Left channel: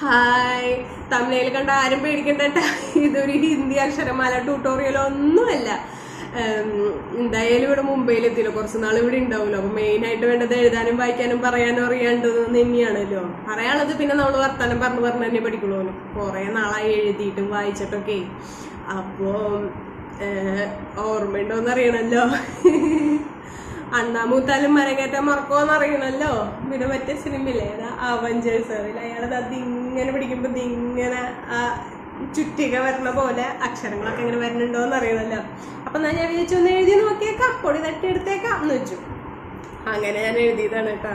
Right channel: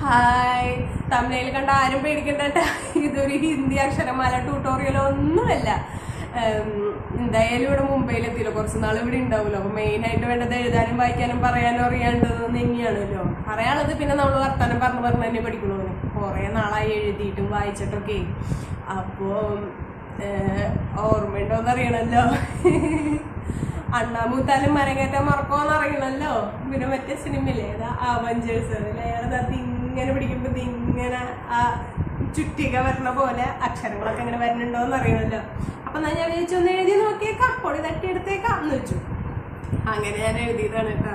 Hi, തമിഴിൽ കണ്ട ആരും പേടിക്കണ്ട. ഇതൊരു ഹിന്ദി അക്ഷരമാല ട്യൂട്ടോറിയൽ ഒന്നുമല്ല. എന്തായാലും ഇവിടെ മുംബൈയിലെത്തിയല്ലോ, കുറച്ച് നാൾ ഇവിടെ ഉണ്ടാവുമല്ലോ. അപ്പൊ മെയിനായിട്ട് വേണ്ടത് എഴുതാനും വായിക്കാനും പറയാനും അറിയാണ്ടത് തന്നെയാണല്ലോ. പറയാനുള്ളത് പിന്നെ നമ്മൾ വർത്താനം പറഞ്ഞു തന്നെ പഠിക്കണോ. കുറെ നാളായി എഴുതിയിട്ടും വായിച്ചിട്ടൊക്കെ. അപ്പോ ഓർമ്മയുണ്ടോന്ന് അറിയണല്ലോ. അണ്ണാമൂത്താലും മരങ്ങേറ്റാൻ മറക്കോന്ന് അറിയണല്ലോ. പിന്നെ മറ്റേ സിനിമയില്ലേ, അതാ അവഞ്ചേഴ്സ്, അതിൽ അയാളത് അതിങ്ങനെ പിടിക്കുമ്പോ ഇതിങ്ങനെ ആ ചുറ്റിക വരുന്ന പോലെ അക്ഷരങ്ങളൊക്കെ ഇങ്ങനെ വരുന്നുണ്ടോന്ന് അറിയണല്ലോ. അപ്പൊ ഞാൻ വിചാരിച്ചു ഒന്ന് എഴുതി നോക്കിയേക്കാം, പൊടി തട്ടിയെടുത്തേക്കാം എന്ന് വെച്ചു. അങ്ങനെ ഞാൻ എഴുതിയതാണ് കേട്ടോ.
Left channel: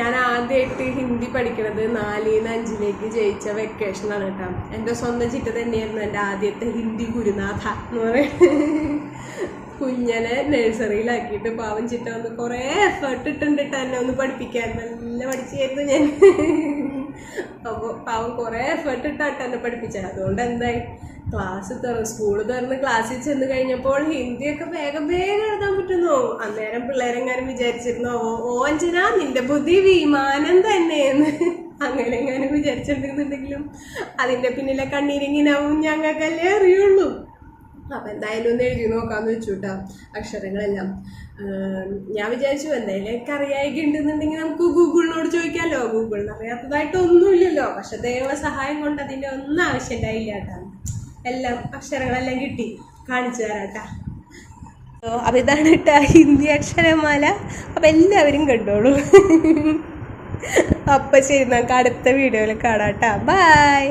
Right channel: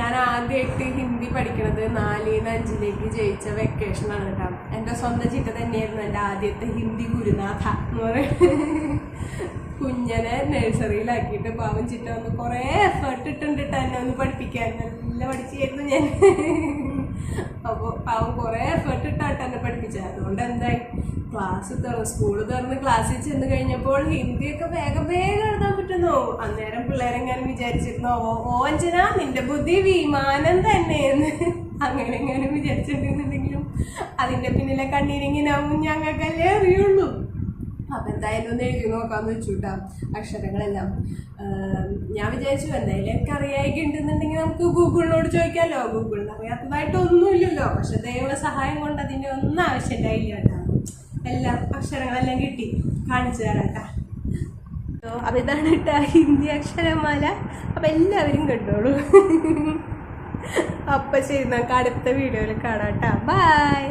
ഞാൻ ആദ്യമായിട്ട് ഹിന്ദി പഠിക്കണത് 4-ന്ന് 5ലേക്ക് ജയിച്ച വെക്കേഷനാണ് കേട്ടോ. എൻ്റെ സ്വന്തം ചിറ്റ തന്നെയായിരുന്നു എൻ്റെ ആദ്യത്തെ ഹിന്ദി ഗുരുനാഥ എന്ന് പറയുന്നത്. കുഞ്ഞനെ നഴ്സറിയിലാക്കിയിട്ട് പാവം ചിറ്റ വന്ന് കുറേ എഫേർട്ട് ഇട്ടുണ്ട് എന്നെ ഒന്ന് പഠിപ്പിക്കാൻ. നല്ല പഠിച്ചായിരുന്നു ഞാൻ. അപ്പോൾ പാവം കുറേ എഫേർട്ട് ഇട്ടാട്ട് എന്നെ പഠിപ്പിച്ചത്. അതുകൊണ്ട് എന്തായി, സ്കൂള് തുറന്ന് ക്ലാസ്സിൽ ചെന്ന് കഴിഞ്ഞപ്പോൾ ഹിന്ദിയൊക്കെ വേഗം എഴുതാൻ പറ്റുന്നു. അന്നേരം പിള്ളേരെങ്ങാനും വിചാരിച്ചിരുന്നോ, ഓ അഞ്ജന നിന്റെ ബുദ്ധി വിമാനം തന്നെയെന്ന് അങ്ങനെ എങ്ങാനും വിചാരിച്ചിട്ടുണ്ടെന്നുണ്ടെങ്കിലും അതിന്റെ പിന്നിലെ കണ്ണീരിങ്ങിനാവും ഞങ്ങൾക്കല്ലേ അറിയുള്ളൂ. അപ്പം എന്തായാലും ഒന്ന് എഴുതി നോക്കാമെന്ന് വെച്ചു കേട്ടോ അക്ഷരങ്ങളെല്ലാം. ഞാൻ വിചാരിച്ചു എന്തായാലും എനിക്ക് അറിയാതൊക്കെ ഉണ്ടെന്നുണ്ടെങ്കിൽ നമുക്ക് ഗൂഗിളിനോട് ചോദിക്കാമല്ലോ. ഗൂഗിളിന് അറിയാത്തതായിട്ടൊന്നുമില്ലല്ലോ. പക്ഷെ ദൈവ സഹായം കൊണ്ട് അതിൻ്റെ ഒന്നും ആവശ്യമുണ്ടായില്ല കേട്ടോ. എല്ലാം അക്ഷരങ്ങളെല്ലാം കിട്ടി, കാണിച്ചു തരാം കേട്ടോ. അപ്പം ഇതാണ് കേട്ടോ ഹിന്ദി അക്ഷരമാല. അപ്പം എല്ലാവരും കണ്ടോളൂ. അപ്പം ശരി, നമുക്ക് അടുത്ത വീഡിയോയിൽ കാണാം കേട്ടോ. ബൈ.